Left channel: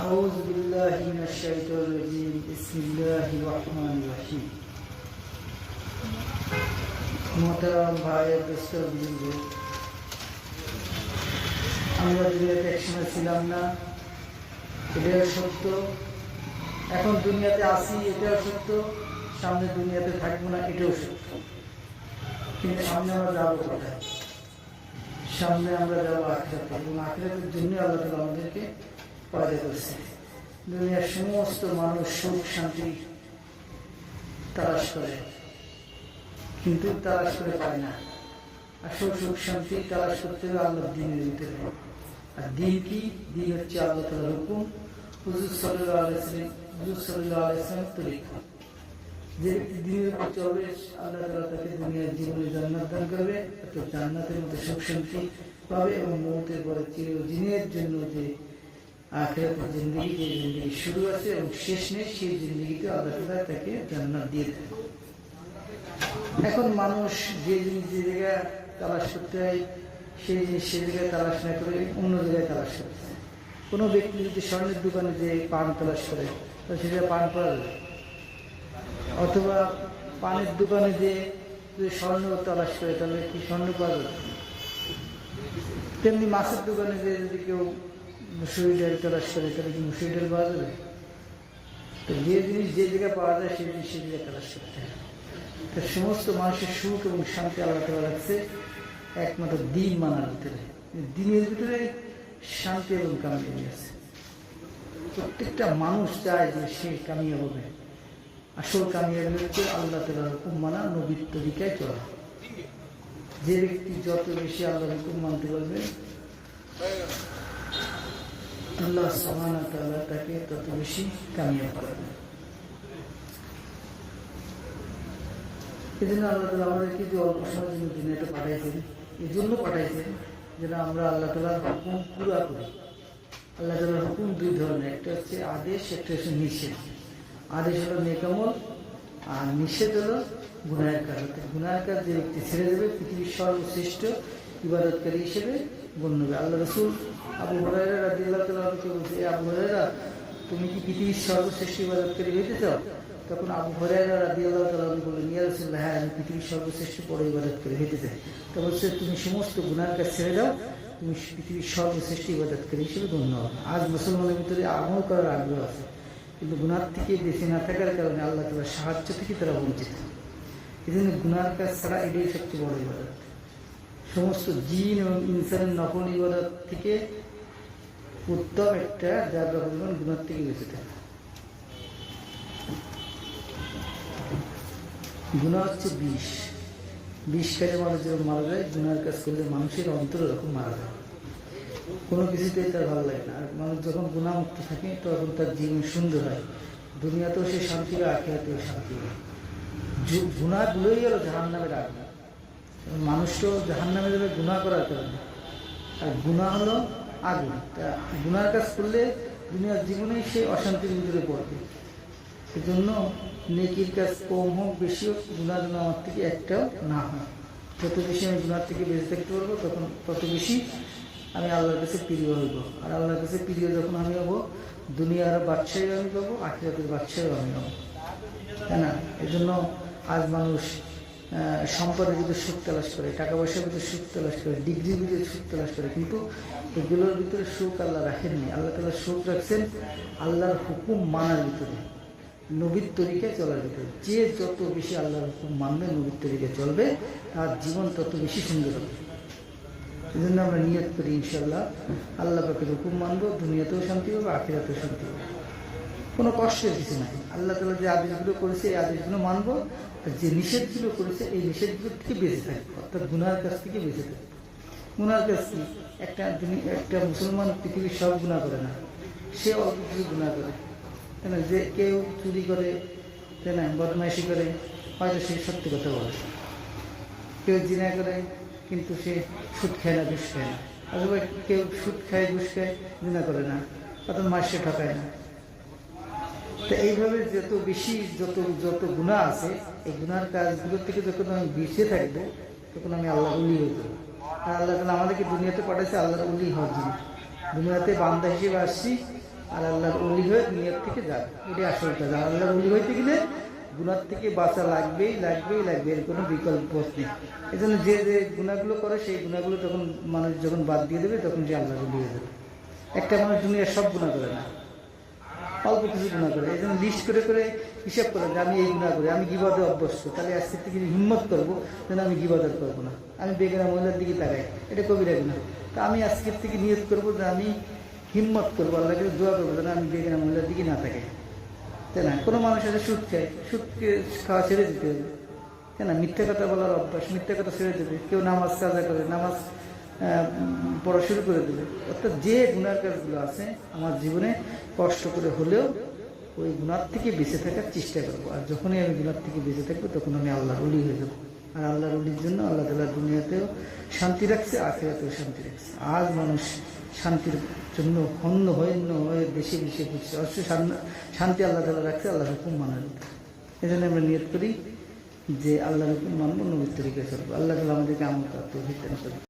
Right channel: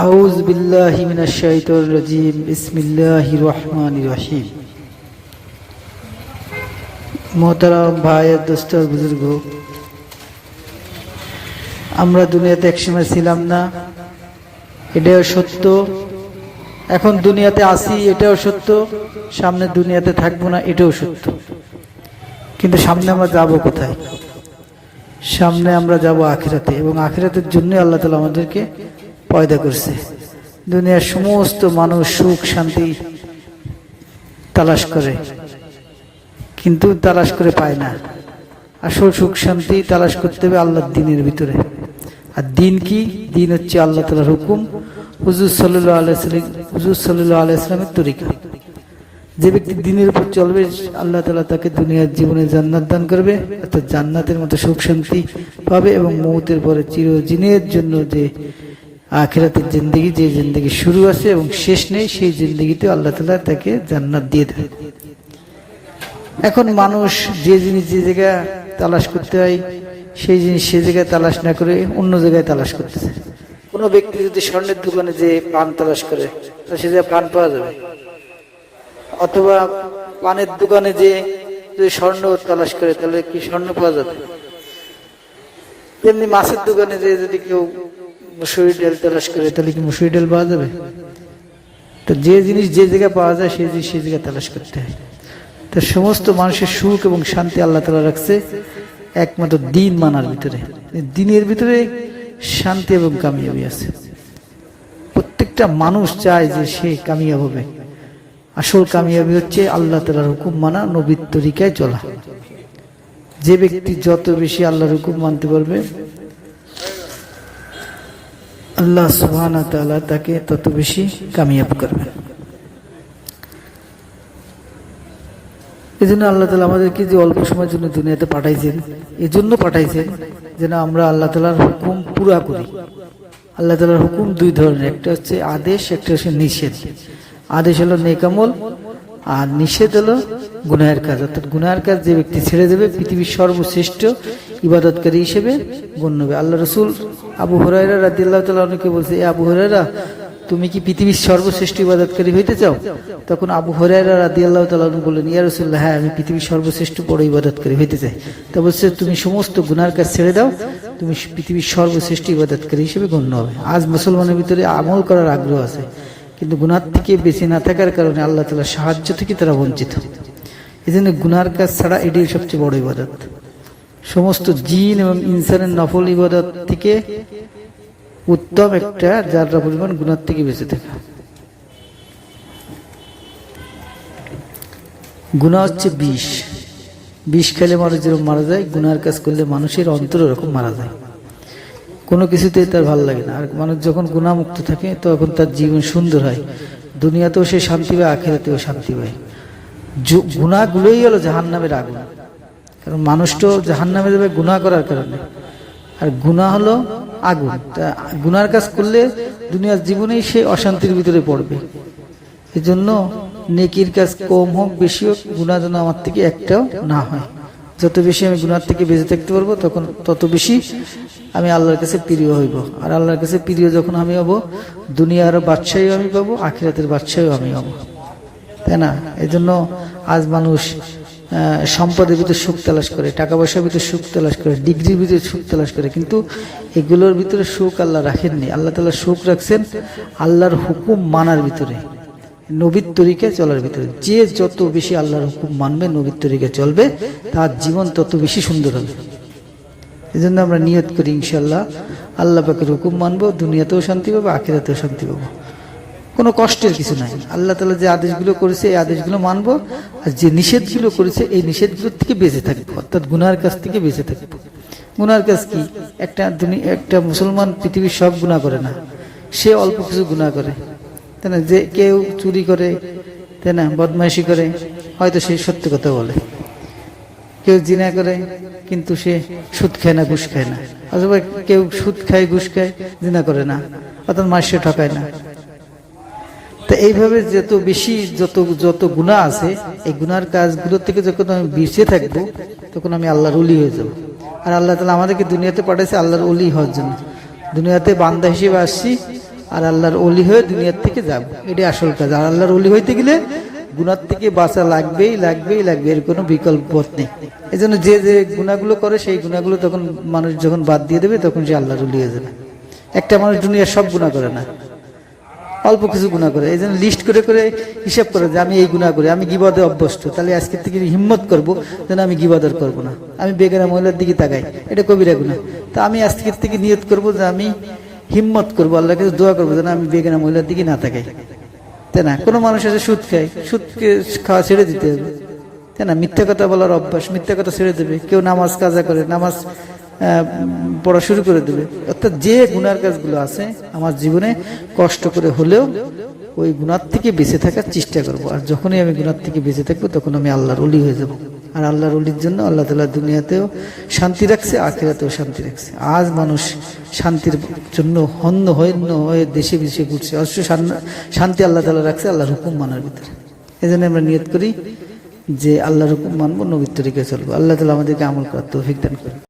House বিল্লাহি মিনাশ শাইতানির রাজিম। বিসমিল্লাহির রহমানির ভাই আর আমরা দুনিয়াতে একসময় ছিলাম না, এটাও সত্য। এখন দুনিয়াতে আসি এটাও সত্য। সামনে দুনিয়াতে থাকব না, এটাও সত্য। কিন্তু সামনে আমরা যাব কোথায়? সামনে আমরা যাব আখিরাতে এবং আখিরাতের জন্য আল্লাহ তালা আমাদেরকে পয়দা করছে। দুনিয়ার সমস্ত মানুষ সুখ, শান্তি তালাশ করে। কিন্তু তালাশ করে পায় না। আসল সুখ, শান্তি তালাশ করতে হবে আল্লাহর দিনের ভিতরে। আর দিন কি? দিন হচ্ছে আল্লাহ তালার হুকুম। হুজুর সাল্লাহ আলাইসালাম হুজুর সাল্লাহ আলাইসলামের তরিকা। যে ব্যক্তি দিনের উপর চলবে, আল্লাহ তালা তাকে দুনিয়ার জীবনে জান্নাত দান করবে, অর্থাৎ জান্নাতের মতো সুখ, শান্তি পাবে এবং মৌতের পরে চিরদিনের জন্য যে আখেরাতের জিন্দগি যে জিন্দগি শুরু আছে এবং শেষ নেই, সেই জিন্দগিতে আল্লাহ তালা তাকে জান্নাত দিয়ে দেবে এখন মানুষ যে জিনিস যে জায়গায় তালাশ করতে হয়, সেই জিনিস সে জায়গায় তালাশ না করে অন্য জায়গায় তালাশ করতেছে। কোনো ব্যক্তি যদি স্বর্ণের দোকানে যে পান তালাশ করে সে জায়গায় পান পাওয়া যাবে। অথবা পানের দোকানে যে যদি স্বর্ণ তালাশ করে, তাহলে কি স্বর্ণ পাওয়া যাবে? তেমনি মাছের দোকানে যে যদি কেউ মুসুরি ডাল তালাশ করে, তাহলে কি মুসুরি ডাল পাওয়া যাবে? তো যে জিনিস যে জায়গায় পাওয়া যায়, সেই জিনিস সেই জায়গায় তালাশ করতে হয়। তো সমস্ত মানুষের সুখ এবং শান্তি আল্লাহ তালা রাখছে একমাত্র দিন মানার ভিতরে। দিনের ভিতরে শান্তি এবং কামিয়াবি আছে। প্রত্যেকটা মানুষ চায় যে সে কামিয়াব হবে। আসল কামিয়াবি হচ্ছে আল্লাহ তালার হুকুম মানা, নবীর তরিকায় চলা। যে ব্যক্তি যত বেশি আল্লাহর হুকুম মানতে পারবে আল্লাহ সুহান তাকে তত বেশি কামিয়াব করবে। এই জন্য আল্লাহ তালা আমাদেরকে যে অল্প সময়ের জন্য দুনিয়াতে পাঠাইছেন এই জন্য পাঠাইছেন যেন আমরা আল্লাহ তালার হুকুম পুরা করি। আল্লাহ তালার হুকুম দুই ধরনের, একটা হচ্ছে আদেশ, একটা হচ্ছে নিষেধ। আদেশ হলো নেকামল আর নিষেধ হলো গুনাহের কাজ। অর্থাৎ গুনাহের কাজ যে ব্যক্তি ছেড়ে দেবে, পৃথিবীর সর্বশ্রেষ্ঠ ইবাদতকারী হিসেবে গণ্য হবে। আল্লাহ রসুল আবু হরাইরা রাদিল্লাহ তালা অনেকে বলছে, এ আবু হরাইরা তুমি কি পৃথিবীর সর্বশ্রেষ্ঠ ইবাদতকারী হইতে চাও তখন আবু হরাইরা রাদি আল্লাহ বললেন, ইয়া রসুল্লাহ হ্যাঁ আমি পৃথিবীর সর্বশ্রেষ্ঠ বড় ইবাদতকারী হইতে চাই তা বলছে, তুমি সমস্ত গুনার কাজ ছেড়ে দাও, তুমি পৃথিবীর সর্বশ্রেষ্ঠ ইবাদতকারী হিসেবে গণ্য হবে। আজ মুসলমানের ভিতরে আমল করার আগ্রহ আছে, কিন্তু গুনার থেকে বেঁচে না থাকার কারণে আল্লাহ তালার সাহায্য থেকে তারা বঞ্চিত। এই জন্য গুনার কাজ ছাড়া এটাই সবচেয়ে বড় ইবাদত। সমস্ত জিন এবং ইনসানের নফল ইবাদত থেকে উত্তম একটা যার পরিমাণ গুণার থেকে বেঁচে থাকা। গুণা হচ্ছে বিষ। বিষ খেলে মানুষ যেরকম মারা যায়, গুনার কাজ করলে মানুষের অন্তর ওরকম মারা যায়। কোনো কিছুতেই তার ভালো লাগে না। আর মানুষ যখন গুণামুক্ত থাকে, তখন তার জীবন সুন্দর হয়। দুনিয়াতেও সে শান্তি পায়, আখেরাতেও শান্তি পায়। গুণাগুলোই হলো জাহান নামের আগুন। কারণ মানুষ তো জাহান নামে যাবে গুণা করার কারণে। আর গুণা হলো আগুন। তা গুনার কাজ করলে দুনিয়ার জীবনেই সে অশান্তির ভিতরে পড়বে। এই জন্য নেকির কাজ কম হোক, বেশি হোক গুণা যেন আমার থেকে একটাও না হয়। যত বেশি আমি গুনার থেকে বেঁচে থাকতে পারব, তখন তত বেশি আমি আল্লাহর কাছে প্রিয় হইব। আর আল্লাহর কাছে প্রিয় যখন আমি হব, দুনিয়ার বাদশাহীও আমি পাবো, আখিরাতের বাদশাহীও আমি হব। তাই না? এই জন্য আজ মানুষ সম্পদের ভিতরে সুখ তালাশ করে টাকা পয়সার ভিতরে সুখ তালাশ করে, ডিগ্রির ভিতরে সুখ তালাশ করে। কিন্তু এগুলোর ভিতরে সুখ আল্লাহ রাখেননি। আল্লাহ তালা সুখ রাখছেন আল্লাহর হুকুম মানার ভিতরে, নবীর তরিকায় চলার ভিতরে। যে যত বেশি আল্লাহর হুকুম মানবে, নবীর তরিকায় চলবে, তার জীবন তত বেশি সুন্দর হবে। এই জন্য আমরা নিয়ত করি ইনশাল্লাহ আল্লাহ পাকের হুকুম মানবো, দুনিয়াতেও শান্তি পাবো, আখিরাতেও শান্তি পাবো। কোনো কষ্টের কিছু নাই। আল্লাহ তালা যে আদেশগুলো করেছে, এই আদেশগুলো মানবো, আর যে নিষেধগুলো করেছে, এই নিষেধগুলোর থেকে বেঁচে থাকব, অর্থাৎ গুনার কাছ থেকে বেঁচে থাকব। গুনার কাজ কি? একটা একটা মুসলমান পৃথিবীর সব গুণা করে না। সে অল্প কিছু গুণা করে। তাই না? যে কেউ চুরি করে, তাই না? বদমাইশি করে, হয়তো সে সত্য কথা বলে। কেউ জিনা করে, কিন্তু সে সুদ খায় না, ঘুষ খায় না। অথবা কেউ সুদ খায়, ঘুষ খায়, জিনা করে না। অর্থাৎ মাসে ঠকায় না। তো এইভাবে যত বেশি যত যত গুণা আছে, এই গুনার কাজগুলো থেকে যখন আমি বেঁচে থাকব, তখন আমি আল্লাহর উলি হয়ে যাব। আর আল্লাহ তালা আমাদেরকে দুনিয়াতে পাঠাইছে আল্লাহর উলি হওয়ার জন্য। দুনিয়াতে বান্দা হিসেবে আসছি আর আল্লাহর অলি হয়ে দুনিয়ার থেকে যাব। এটাই আসল কাজ। আর আল্লাহর অলি হইতে গেলে গুনার থেকে বাঁচা লাগবেই লাগবেই লাগবে এর কোনো বিকল্প পথ নেই। এই জন্য যে যে গুণাগুলো করে, সেই গুণাগুলো তখন মানুষ যখন বাদ দিয়ে দেবে, তখন সে আল্লাহর অলি হয়ে যাবে। একটা মানুষ দুনিয়ার সব গুণা করে না। অল্প কিছু গুণা করে, এই জন্য লিস্ট করে করে হিসাব করে যে আমি এই গুণা করি, আমি গিবাদে অভ্যস্ত, তাহলে আজকে থেকে হিম্মত করব যেন আমি গিবাদর করব না। আমি বেগানা মহিলার দিকে তাকাই, এটা কবিরা গুণা তা আমি আজকের থেকে নিয়ত করব যে আমি হিম্মত করব, আল্লাহর কাছে দোয়া করব যেন আমি বেগানা মহিলার দিকে না তাকাই। তাই না? কোনো মানুষ আছে সুদ খায়, সুদকে খাওয়া ছেড়ে দিতে হবে। তাই না? মিথ্যা কথা বলার অভ্যাস, মিথ্যা কথা ছেড়ে দেবে। কেউ নামাজ কাজা করে, নামাজ পড়া শুরু করে দেবে। অর্থাৎ যে গুনার কাজগুলো আছে আমার জীবনে কষ্ট করে হলেও ওই গুণার থেকে বেঁচে থাকার চেষ্টা করব। আর যখনই আমি গুণার থেকে বেঁচে থাকব, তখন আমি আল্লাহর অলি হয়ে যাব। আর আল্লাহর অলির জন্য আল্লাহ তালা দুনিয়াতেও শান্তি রাখছে, আখেরাতেও শান্তি রাখছে। আজ মানুষ শান্তির জন্য হন্য হন্য হয়ে দেশে বিদেশে ঘুরছে। অবশ্য শান- শান্তি আল্লাহ তালা রাখছে আল্লাহর হুকুম মানার ভিতরে। এই জন্য আমরা নিয়ত করি যে আল্লাহর হুকুম মানবো, নবীর তরিকে চলবো। আল্লাহ তালা আমাদেরকে আমল করার তৌফিক দান করি